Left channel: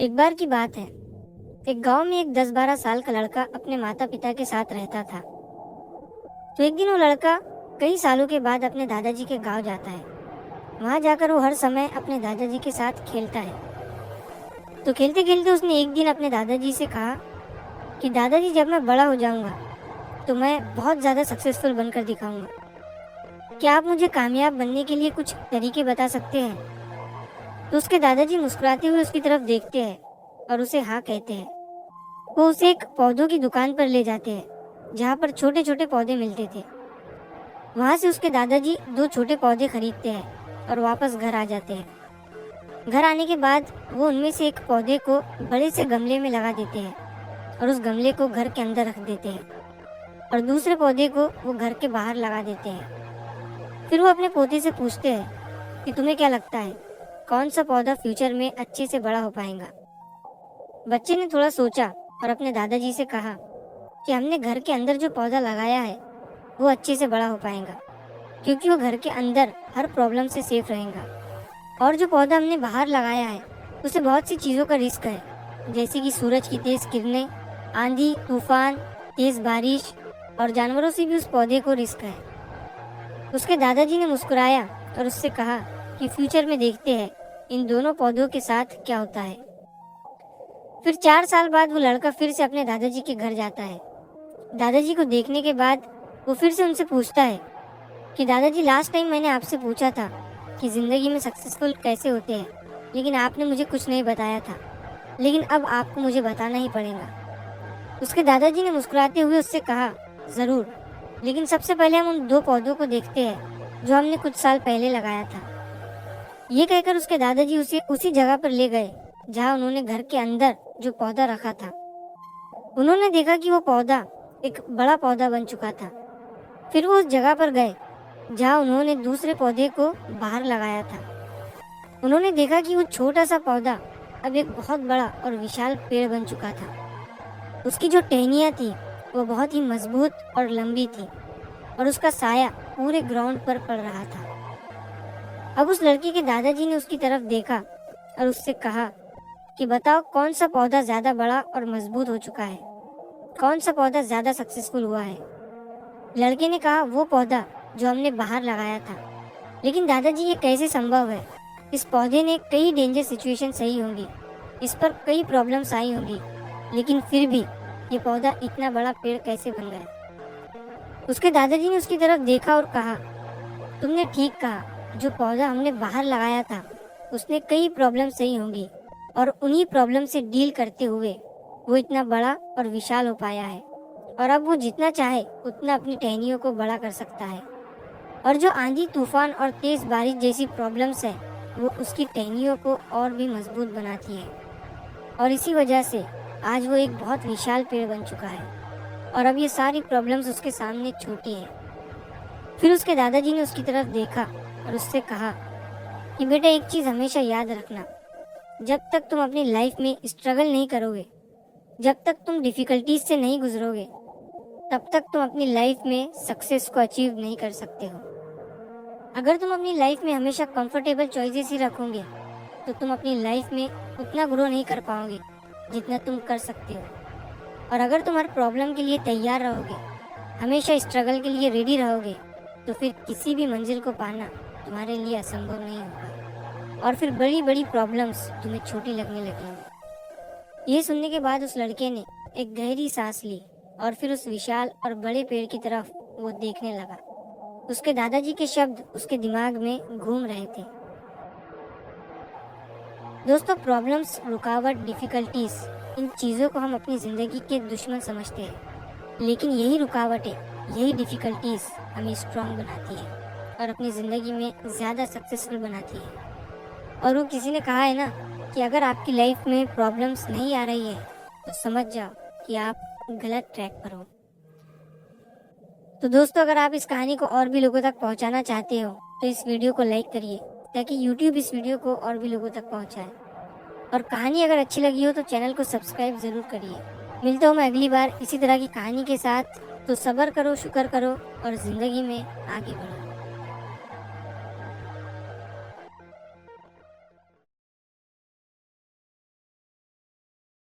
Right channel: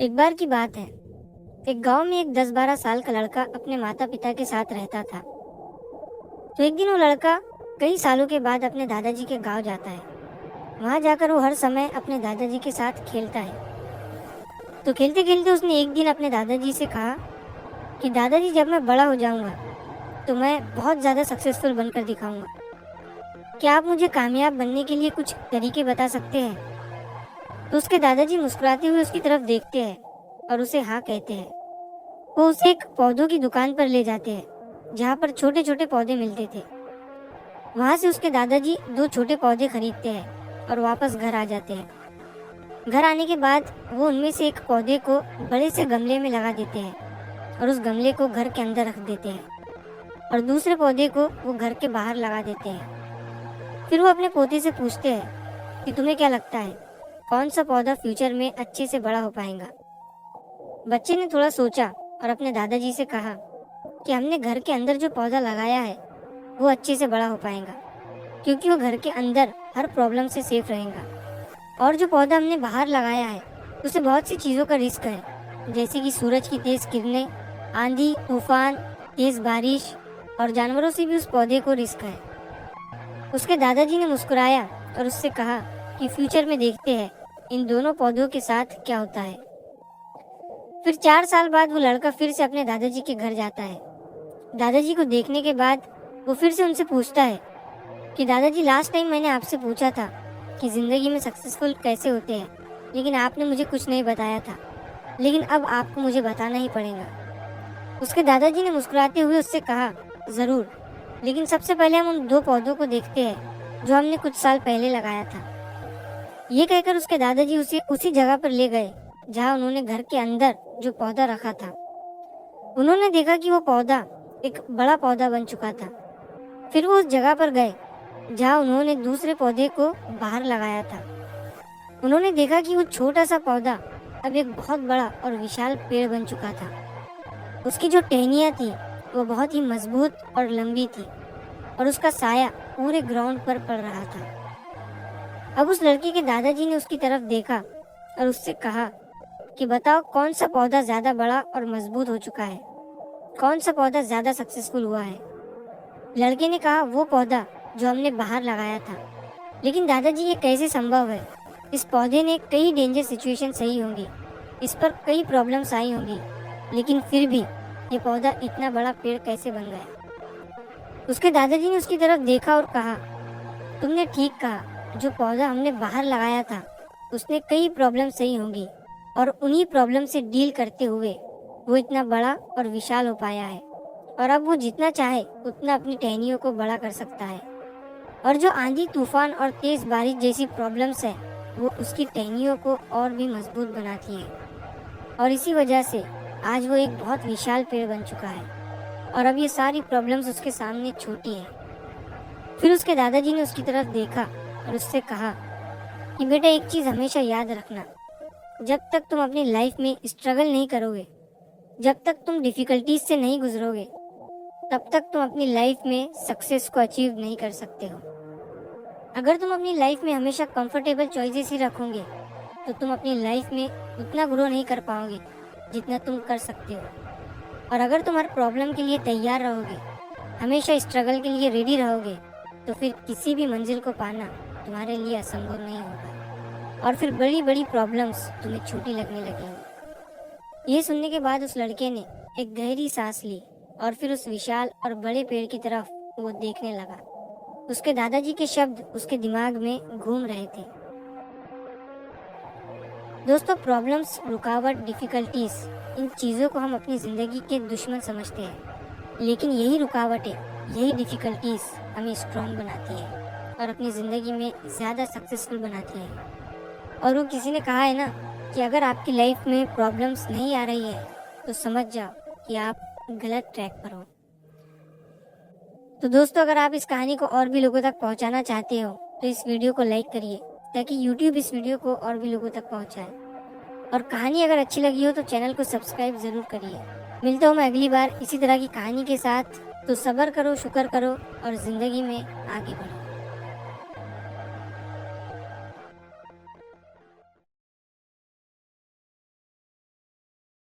एक बार की बात है। एक गांव में एक 10-12 साल का लड़का अपने माता पिता के साथ रहता था। तो एक दिन वो लड़का कई सालों के बाद अपने दादाजी के गांव जाता है। वहां जाकर वो हर समय अपने दादाजी के साथ खेलता है। तो खेलते खेलते उसने एक दिन अपने दादाजी से कहा कि दादाजी, जब मैं बड़ा हो जाऊंगा तो मैं बहुत ज़्यादा सक्सेसफुल बनकर दिखाऊंगा। क्या आप मुझे कामयाब बनने के लिए कुछ तरीके बता सकते हैं? तो उसके दादाजी मुस्कुराते हुए उसकी तरफ देखते हैं और उसे हाँ कहते हैं। वो उसे एक पौधों की दुकान पर ले जाते हैं जहाँ पर छोटे छोटे पौधे मिलते थे। वहाँ से उसके दादाजी 2 छोटे पौधे खरीदते हैं और वापस घर आ जाते हैं। घर आने के बाद वो उनमें से एक पौधे को बड़े से गमले में लगा देते हैं और उस गमले को घर के अंदर रख देते हैं और दूसरे पौधे को वो घर के बाहर लगा देते हैं। फिर वो अपने पोते से पूछते हैं कि तुम्हें क्या लगता है, कौन सा पौधा फ्यूचर में अच्छे से बड़ा हो पाएगा? बच्चे ने थोड़ा सोचा और अपने दादाजी से कहा कि हमने घर के अंदर जो पौधा लगाया है वो अच्छे से बड़ा हो पाएगा, क्योंकि वो घर के अंदर हर प्रॉब्लम से सेफ रहेगा। और जो पौधा हमने बाहर लगाया है उसे बहुत सी चीज़ों का रिस्क है, जैसे कि सूरज की तेज किरणें, आंधी तूफान, तेज बारिश और जानवरों से भी उस पौधे को रिस्क है। उसके दादाजी ने मुस्कुराया और उससे कहा कि फ्यूचर में देखते हैं इन दोनों पौधों के साथ क्या होता है। फिर 4 साल बाद वो लड़का फिर से अपने दादाजी के घर जाता है। दादाजी को देखने के बाद वो फिर से उनसे पूछता है कि दादाजी, लास्ट टाइम मैंने आपसे पूछा था कि जिंदगी में सक्सेसफुल कैसे होते हैं, लेकिन आपने मुझे कुछ नहीं बताया था, लेकिन अब आपको मुझे बताना ही पड़ेगा। उसके दादाजी ने मुस्कुराते हुए उससे कहा, जरूर, लेकिन सबसे पहले हम उन 2 पौधों को देखते हैं जो हमने कुछ साल पहले लगाया था। ये कहकर उसके दादाजी उसे उसी जगह पर ले गए जहाँ उन्होंने घर के अंदर जो पौधा रखा था। उन्होंने देखा कि वो पौधा एक बड़ा पौधा बन चुका था। फिर वो उस जगह पर गए जहाँ उन्होंने दूसरे पौधे को बाहर लगाया था। उन्होंने देखा कि वो छोटा सा पौधा अब एक बहुत बड़ा और विशाल पेड़ बन चुका था। उसकी जो टहनियाँ थी वो बहुत ही मजबूत और लंबी थी और उसका साया पूरे ग्राउंड पर पड़ रहा था। अब उस लड़के के दादाजी ने उसकी तरफ देखा और उससे कहा कि बताओ, कौन सा पौधा ज्यादा बड़ा और मजबूत हो चुका है, कौन सा पौधा ज्यादा सक्सेसफुल हुआ है? लड़के ने कहा, वो पौधा जो हमने बाहर लगाया था। लेकिन दादाजी, ये कैसे संभव है? इस पौधे ने कई डेंजर सिचुएशन सही होंगी, इस पर कई प्रॉब्लम्स आई होंगी, लेकिन फिर भी ये पौधा इतना बड़ा पेड़ कैसे बन गया? उसके दादाजी ने उसकी तरफ देखा और कहा, तुमने ठीक कहा, जो पौधा हमने बाहर लगाया था उसने कई प्रॉब्लम सही होंगी और उन्हीं प्रॉब्लम से डील करते हुए वो इतना बड़ा और विशाल हो पाया है और अब वो जितना चाहे उतना अपनी टहनियों को बड़ा कर सकता है। और जो आंधी तूफान और तेज बारिश जैसी प्रॉब्लम्स है वो उसकी टहनियों को और भी मजबूत बनाती है और इसी वजह से आज वो एक बहुत विशाल पेड़ बन चुका है और अब ये सारी प्रॉब्लम्स उसके सामने छोटी है। फिर उसके दादाजी ने उसकी तरफ देखा और उससे कहा कि बेटा, एक चीज़ हमेशा याद रखना, जब तक तुम अपनी लाइफ में स्ट्रगल नहीं करोगे, जब तक तुम डिफिकल्टीज से नहीं गुजरोगे, तब तक तुम अपनी लाइफ में सक्सेस को अचीव नहीं कर सकते हो। अगर तुम अपनी लाइफ में हमेशा कंफर्टेबल चॉइसेस ही रखोगे तो तुम अपनी लाइफ में उतना ग्रो नहीं कर पाओगे जितना तुम कर सकते हो। और अगर तुम हर प्रॉब्लम के लिए तैयार रहोगे, हमेशा स्ट्रगल के लिए रेडी रहोगे, तो फिर किसी भी मंजिल को पाना तुम्हारे लिए असंभव नहीं होगा और फिर बड़ी बड़ी प्रॉब्लम्स तुम्हें छोटी लगने लगेंगी। ये सुनने के बाद उस लड़के ने एक गहरी सांस ली और फिर उस विशाल और बड़े पेड़ की तरफ वो देखने लगा। उसके दादाजी के शब्द उसके दिमाग में घूम रहे थे। दोस्तों, प्रॉब्लम्स, रुकावट, डिफिकल्टीज, इन चीज़ों को हम अपनी ज़िंदगी के दुश्मन समझते हैं, लेकिन यही रुकावटें, यही डिफिकल्टीज हमें स्ट्रॉन्ग बनाती है और अपनी ज़िंदगी में ज़्यादा सक्सेसफुल बनाती है। और वो किसी ने कहा है ना कि अगर आपकी लाइफ में प्रॉब्लम्स नहीं आ रही है तो समझ जाओ कि आप गलत ट्रैक पर हो। तो दोस्तों, अगर आप इस कहानी को और भी लोगों तक पहुंचाना चाहते हो तो इस वीडियो को लाइक करिए ताकि YouTube इस वीडियो को और भी लोगों तक पहुंचाए। और कहानी अगर अच्छी लगी हो तो चैनल को सब्सक्राइब ज़रूर करिए। मिलता हूँ मैं अगली बार इसी तरह की कहानी के साथ। तो सब्र करो, शुक्र करो और ज़िंदगी में आगे बढ़ो।